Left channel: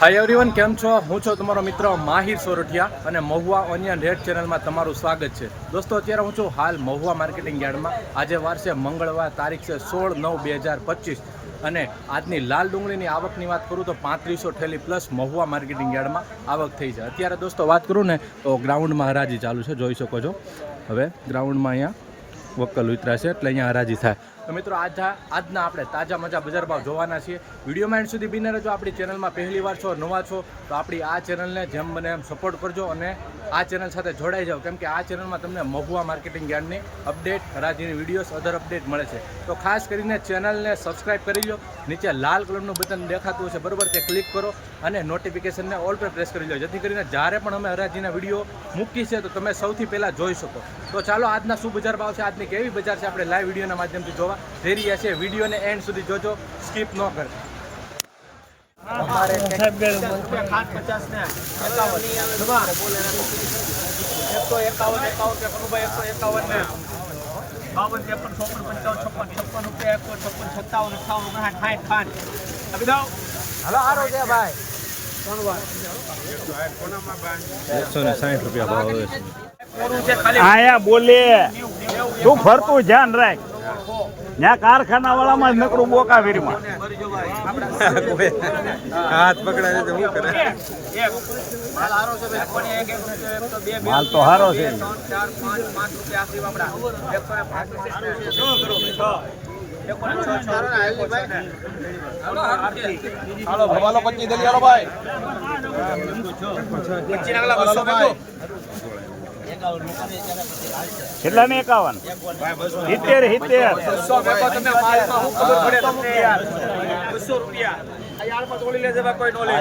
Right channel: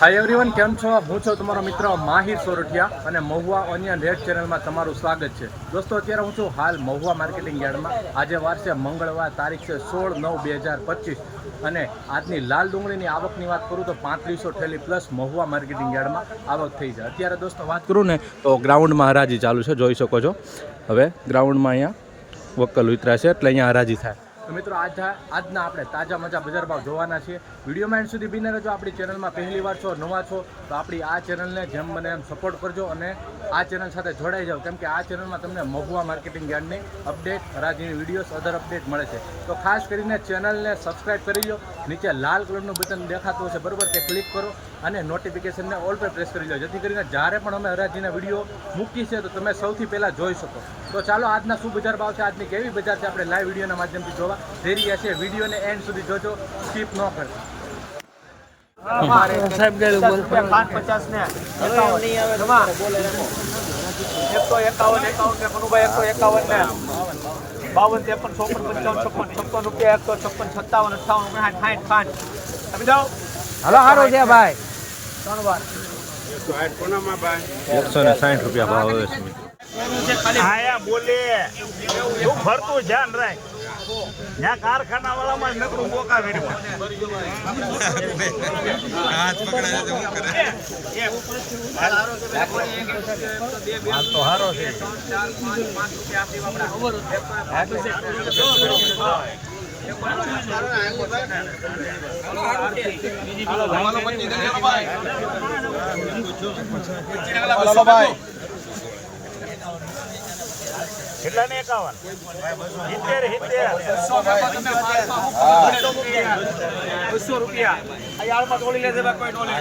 Hi everyone કેમ છો? હું છું તમારો મિત્ર માહિર સોરઠિયા અને મહુવા ઓનિયન રેડ ચેનલમાં તમારું સ્વાગત છે. દોસ્તો, અત્યારે હું છું હાલ મહુવા માર્કેટિંગ યાર્ડમાં. આજે વાર છે મંગળવાર, તારીખ છે સોળ નવ બે હજાર પચીસ. અને આજની લાલ ડુંગળીની આવકની વાત કરું તો પાંત્રીસો ઠેલી પ્લસ મહુવા માર્કેટિંગ યાર્ડમાં આવક થઈ છે. અત્યારે દોસ્તો, વાત કરું ને, તો ગ્રાઉન્ડમાં હરાજી ચાલુ છે, જોઈ શકો છો. હવે ગ્રાઉન્ડમાં અહીંયા વક્કલ ઉતરા છે, એટલે અહીંયા હરાજી થાય. તો મિત્રો આજ આજના આપણે તાજા મજા બજાર ભાવ જોવાના છીએ. વિડીયોમાં એન્ડ સુધી બિને રહેજો આપણી ચેનલમાં પહેલી વાર છો, નવા છો, તો આપણી આ ચેનલને જેમ બને એમ સપોર્ટ કરજો અને આ ચેનલ સાથે જોડાઈ જાઓ. કેમ કે આ ચેનલમાં તમને મહુવા માર્કેટિંગ યાર્ડની અપડેટ હરાજીની વિડીયોઝ અધર અપડેટ મળે છે. તો ખાસ કરીને ચેનલને સબસ્ક્રાઈબ કરી લો નીચે લાલ કલરનું બટન દેખાતું હશે, બરાબર? તે ક્લિક કરો અને નોટિફિકેશનને ઓલ પર પ્રેસ કરી લો જેથી કરીને જ્યારે પણ અમે હરાજીના વીડિયો મૂકી છે તો તમે સૌથી પહેલાં જોઈ શકો. તો ચાલો, આજના શું બજાર ભાવ છે? આજની કેવી બજાર છે? આપણે લાઈવ વિડીયોના માધ્યમથી જોવા. જઈ રહ્યા છે. વિડીયોને એન્ડ સુધી જોજો. સ્કીપ ન કરતા પાંચ પચાસ ને એકસો એકાવન એકાવન ને કનુભાઈ એકસો એકાવન ને બાવન ત્રેપન ચોપન પંચાવન છપ્પન છપ્પન રૂપિયા એકસો છપ્પન સત્તાવન અઠાવન ઓગણસાઠ સાઠ ખાંડ આપી દો હલો હારો છે ભાઈ. એકસો ને સાઠ રૂપિયા ભાવ આવે છે. આયા બોલે. તું ફરતું ધ્યાન રાખ. ત્યાં કારખાના વાળામાં જ નકરું બોકા વીરમાં. માલ તો હારો છે. કેટલા ને એકાવન. સિત્તેર સિત્તેર. બસો રૂપિયા. યાર્ડમાં તોડી લેજે કોઈ નો લે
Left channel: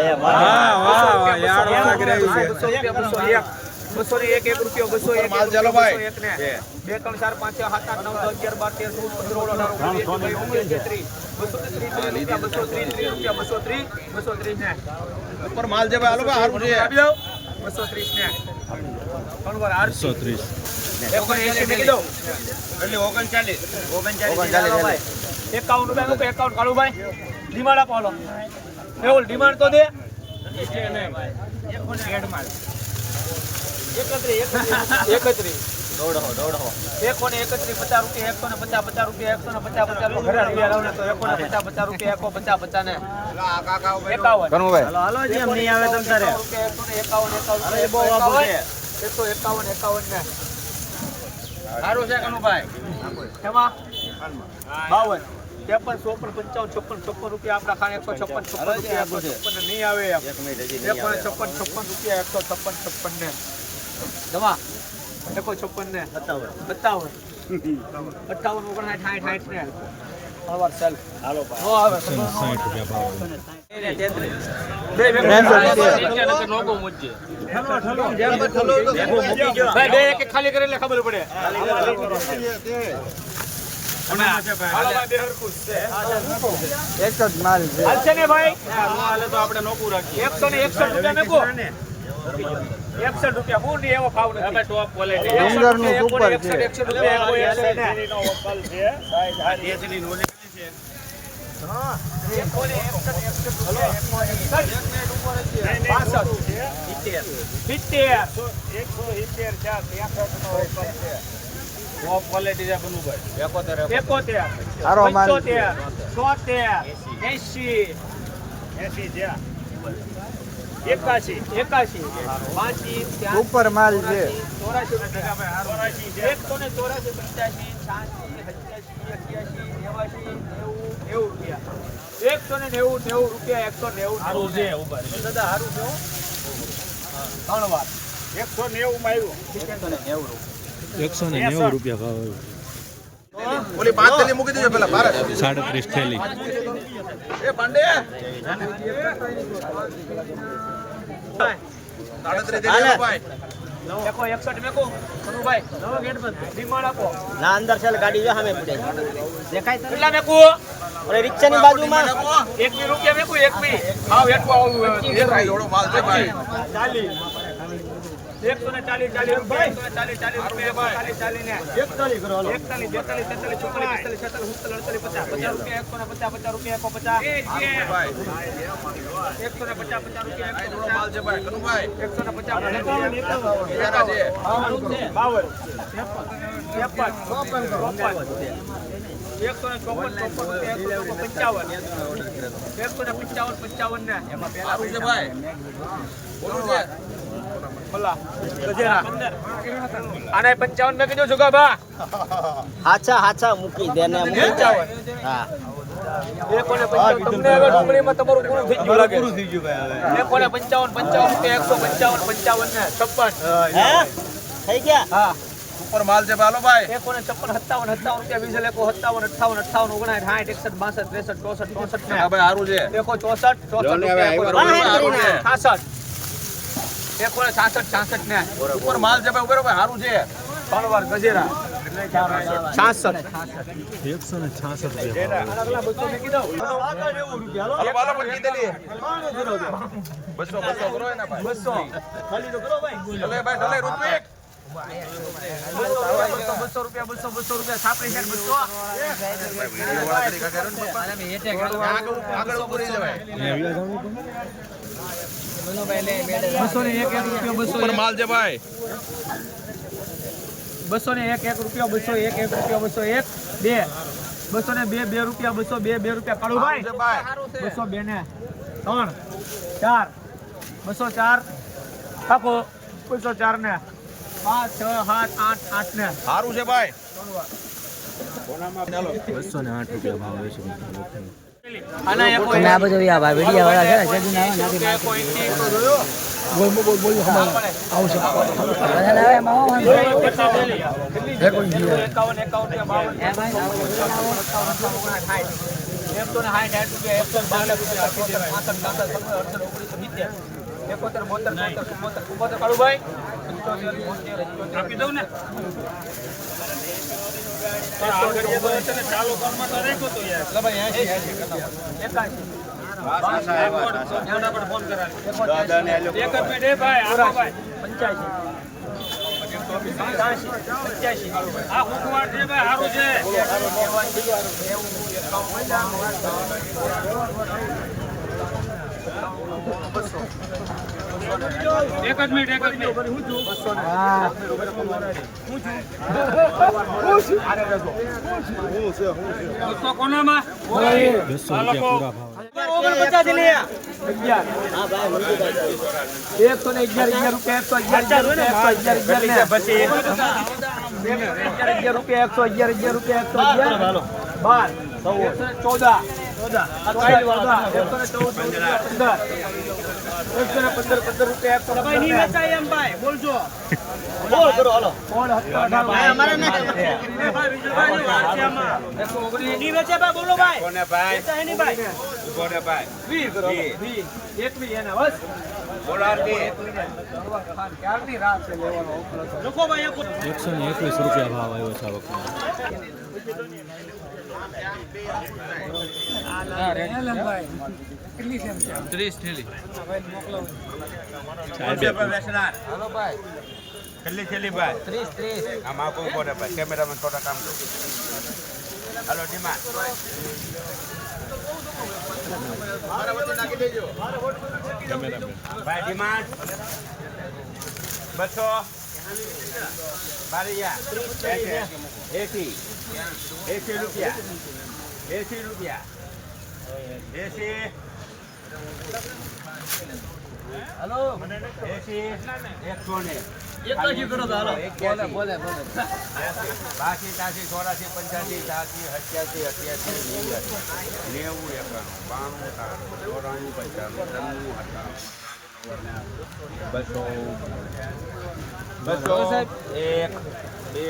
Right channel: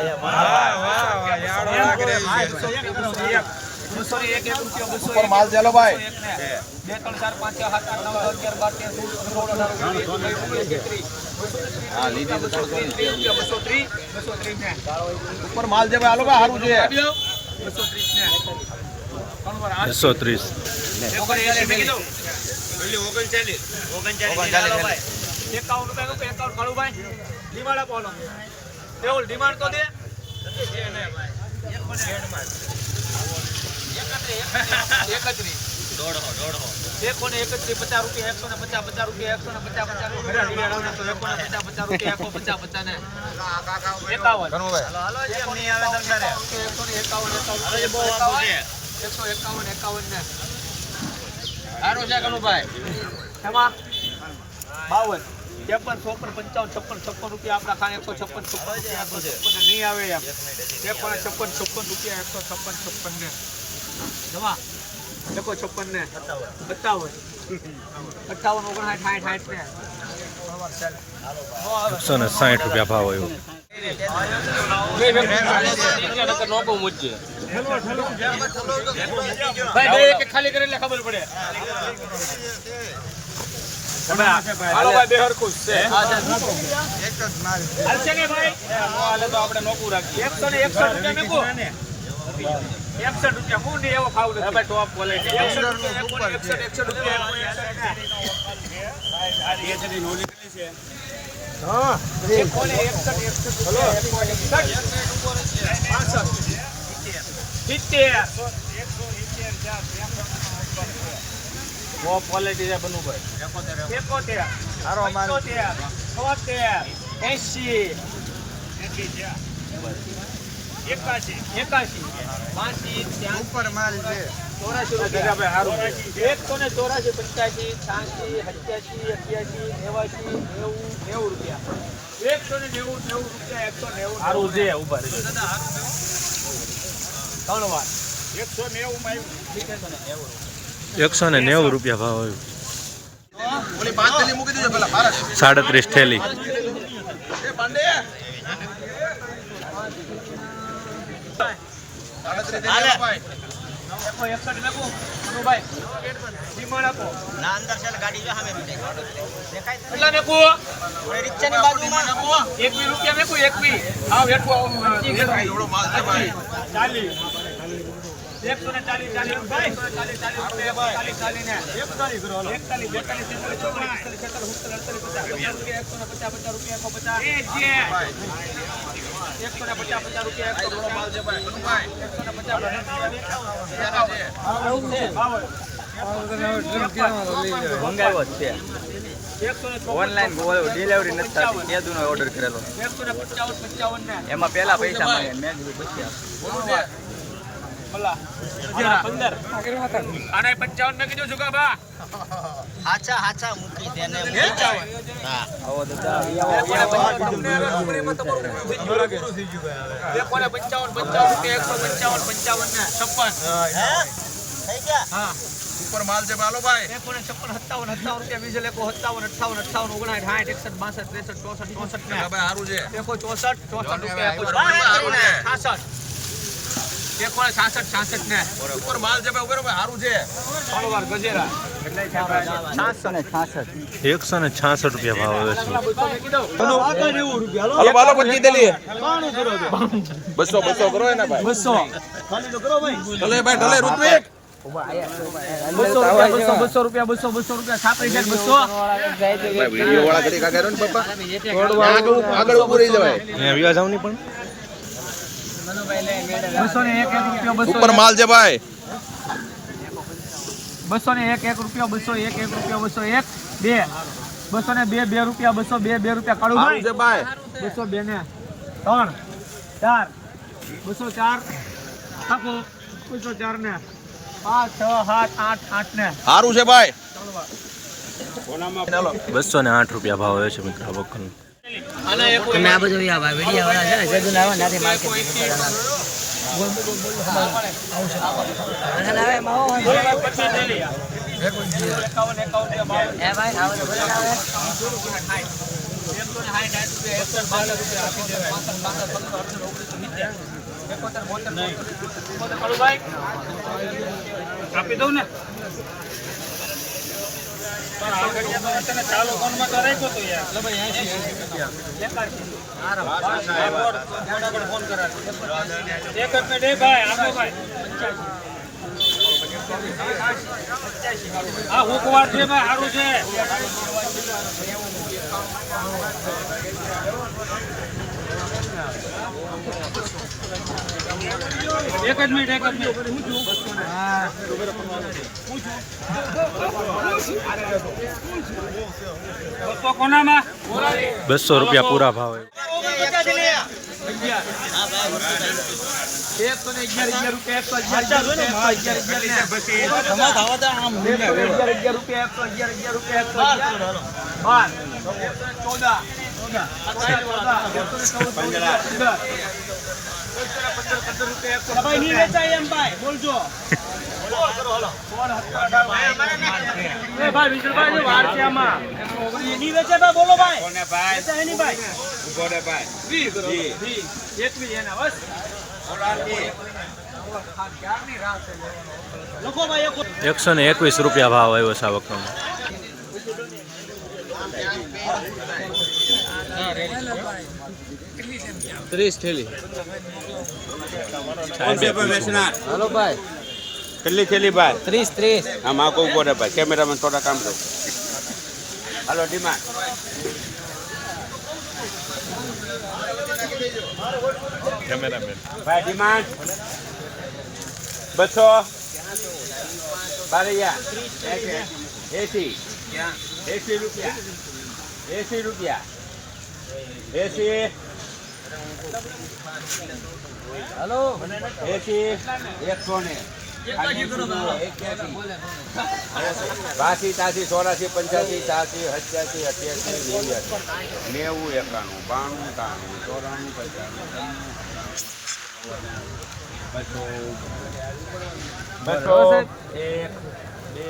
બસો રૂપિયા એક એક એક રૂપિયો બસો માલ ચાલો ભાઈ. બે ત્રણ ચાર પાંચ સાત આઠ નવ અગિયાર બાર તેર ચૌદ પંદર સોળ અઢાર ઓગણીસ વીસ બસો ત્રીસ રૂપિયા બસો ત્રીસ રૂપિયા બસો ત્રીસ બસો ત્રીસ ઉપર માલ જે હારું છે. ત્રીસ બસો ત્રીસ. ઓગણચાલીસ પચાસ એકસો ને પચાસ પચાસ રૂપિયા એકસો ને પચાસ પચાસ રૂપિયા પચાસ રૂપિયા એકસો પચાસ પચાસ ને એકાવન, એકસો ને એકાવન એકાવન એકસો એકાવન એકાવન ને. સારું છે કનુભાઈ. એમાં બાવન. ત્રેપન ચોપન પંચાવન છપ્પન છપ્પન રૂપિયા આપણા ખાને એકસો છપ્પન છપ્પન રૂપિયા એકસો છપ્પન નહીં આવે એમ. ત્રેપન છપ્પન છપ્પન રૂપિયા એકસો છપ્પન છપ્પન ને. જમા? એકસો છપ્પન ને. સત્તાવન. સત્તાવન. અઠાવન ઓગણસાઠ સાઠ સાઠ ને. એકસો ને સાઠ રૂપિયા ભાવ આવ્યો. ખાલી કરે એટલે ખબર પડે. ને ને એકસઠ રૂપિયા મેકો એકસઠ રૂપિયા હું નહીં એવો ભાવ નથી. ટોપ ક્વોલિટી એકસઠ રૂપિયા એકો ને એકસઠ એકસઠ રૂપિયા ને હા. સિત્તેર એકોતેર. પંચોતેર. તોતેર એસી એકાશી એકાશી. બાસી ઉપર માલ છે. ચોરાશી રૂપિયા. એકસો ને ચોરાશી પંચ્યાસી છ્યાસી સત્યાસી અઠ્યાસી નેવાસી નેવું નેવું રૂપિયા. એકસો ને નેવું નેવું રૂપિયા એકસો નેવું સારું છે ઊભા ત્રણ વાર. એકસો નેવું માં આવ્યું. એકસો ને નેવું રૂપિયા ભાવ આવ્યો. સાડત્રીસ થેલી. એકસો એકસો ને ચાલીસ ચાલીસ ચાલીસ ચાલીસ ચાલીસ ને એકતાલીસ બેતાલીસ તેતાલીસ ચોતાલીસ પિસ્તાલીસ છેતાલીસ ઉડતાલીસ અડતાલીસ પચાસ પચાસ રૂપિયા એકસો પચાસ પચાસ રૂપિયા એકસો પચાસ એકસો ને પચાસ પચાસ રૂપિયા એકસો માલ છે ભાઈ. એકસો ને પચાસ ઓનલાઈન ડિલિવરી ઓર્ડર કરેલો એકસો ને પંચાવન પંચાવન ને એમાં પેલા પૈસા મેં આને પંચાવન મેં કીધું જુગા બા હાચા હાચા મૂકી દે ને મૂકી દે હા તમને હવે ડુંગળીમાં તમારું પૂરું થઈ ગયું લાગે એકોને પંચાવન પંચાવન રૂપિયા એકસો પંચાવન પંચાવન ને છપ્પન હે થઈ ગયા હા ઉપર માલ છે બાલો ભાઈ એકોને છપ્પન સત્તાવન સત્તાવન રૂપિયા વીસ એકો સત્તાવન અઠાવન અઠાવન ઓગણાઠ સાઠ એકસઠ બાસઠ ત્રેસઠ ચોસઠ ચોસઠ ને હા ભાઈ સારું છે એકો ચોસઠ ચોસઠ જોને હવે રૂપિયા એકો ચોસઠ. છાસઠ ને. ઉપર માલ ભાઈ ઉપર ભાઈ સારું છે. ત્રણ વાર ગજેરા. એકસો ને છાસઠ રૂપિયા ભાવ આવે છે. બસો કરો ભાઈ. ભાઈ. રૂપિયા બસો રૂપિયા બસો બસો રૂપિયા છાપરી છે બસો. આગળ આગળ જવાય. અહીંયા વ્યાજ આવની પણ બસો ને એક એક રૂપિયો બસો ઉપર માલ છે ભાઈ બસો ને એક એક રૂપિયો બસો એક એક રૂપિયો બસો એક બે બસો ને બે બે રૂપિયા બસો બે બે રૂપિયા છે ભાઈ બસો બે ને ત્રણ ચાર બસો ચાર આપો બસો ચાર ને પાંચ છ સાત આઠ આઠ ને સારું છે ભાઈ બસો ને આઠ રૂપિયા ભાવ આવ્યો છે મિત્ર આ બકરનું તમે આ બધું આ વીડિયો વાળા છે ને આવે ત્યાંથી માર્કેટ આપી દઉં ને? આ હુકવાડ છે ભાઈ સારું છે. એક જ મિનિટ એક જ મિનિટ હું બસો રૂપિયા પૂરા ભાવે એકસો અગિયાર અગિયાર રૂપિયા એકસો અગિયાર અગિયાર રૂપિયા એકસો અગિયાર અગિયાર રૂપિયા એકસો અગિયાર. બાર ચૌદ ચૌદ ચૌદ ચૌદ, પંદર. ભાઈ નહીં વેચાય એમ ભાઈ બોલજો. બોલ કરો હાલો બોલ અઢાર એ ભાઈ? વીસ રૂપિયાની છે આમાં એકસો ઓગણીસ નહીં વેચે ભાઈ બોલો ભાઈ વેચાય નહીં ભાઈ કોને ભાઈ એના બસ ભાઈ એક એકસો ને એકવીસ રૂપિયા ભાવ આવ્યો છે આ બકરનો ત્રીસ થેલી કેટલી થેલી ભાઈ? ત્રીસ ત્રીસ. આમાં કોઈ બોલે ભાઈ. કેમેરામાં થોડા કામ કરે હાલો ડીમા કેમેરામેન. ભાઈ ડિમાન્ડ બસો. બારૈયા. એસી. એસી રૂપિયા. એસી રૂપિયા. એસી. હાલો. એકસો ને બાસી તાસી ચોરાસી પંચ્યાસી તાસી અઠ્યાસી અઠ્યાસી નેવું એકાણું બાણું ત્રાણું ચોરાણું પંચાણું ત્રણું અઠાણું બસો. બસો એક બે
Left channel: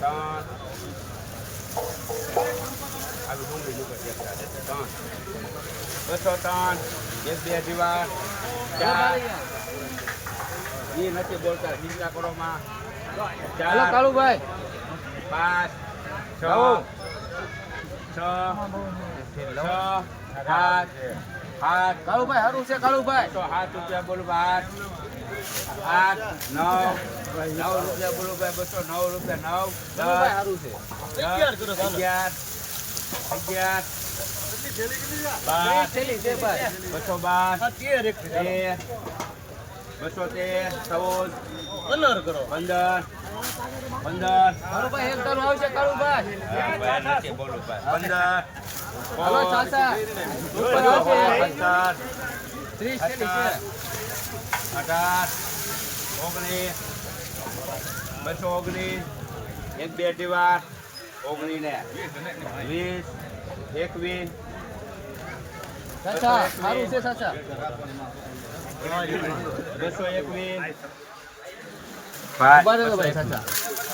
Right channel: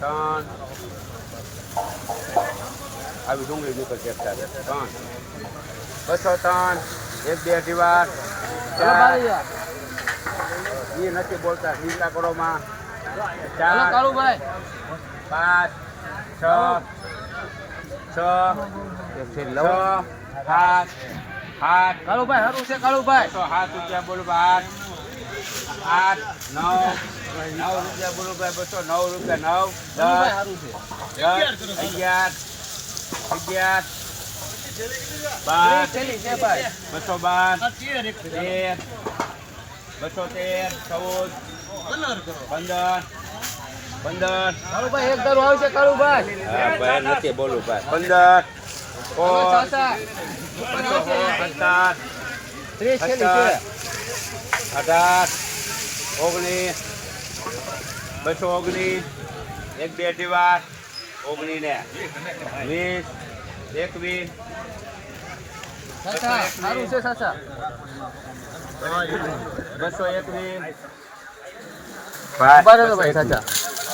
ત્રણ. આવી શું બીજું થાય ત્રણ. બસો ત્રણ એક બે અઢી વાર એ નથી બોલતા ચિંતા કરો માં ચાર કાળુભાઈ પાંચ છ છ છ સાત આઠ. કાળુભાઈ સારું છે કાળુભાઈ સાત રૂપિયા બોલો આઠ આઠ નવ નવ રૂપિયા બોલું ભાઈ બસો નવ રૂપિયા નવ સારું છે. અગિયાર અગિયાર અગિયાર બાર. છેલ્લી છે ભાઈ. બસો બાર. તેર બસો તેર ચૌદ. પંદર પંદર. કાળુભાઈ એક ધારું આવશે કાળુભાઈ નથી બોલું પંદર. છેલ્લી છે. અઢાર. ઓગણીસ. બસો ઓગણીસ. એક બે અઢી ઓગણીસ ને. વીસ. એકવીસ. ચાચા સારું છે સાચા. બસો એકવીસ. બરાબર ભાઈ સાચા.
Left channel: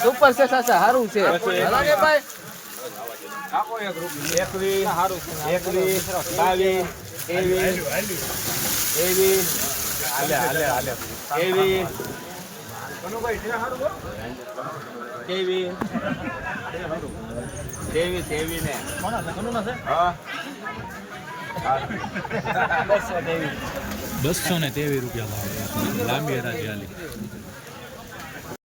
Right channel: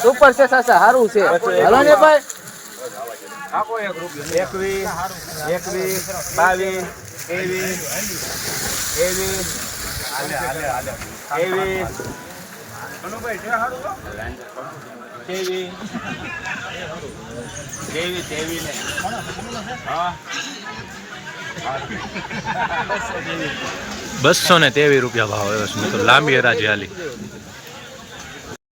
સુપર છે સાચા સારું છે. હાલો ને ભાઈ. એકવીસ એકવીસ બાવીસ ત્રેવીસ ત્રેવીસ ત્રેવીસ ત્રેવીસ ત્રેવીસ ને. હા. બસો ને તેવી રૂપિયા ભાવ આવ્યો છે લાંબી હરાજી હાલી.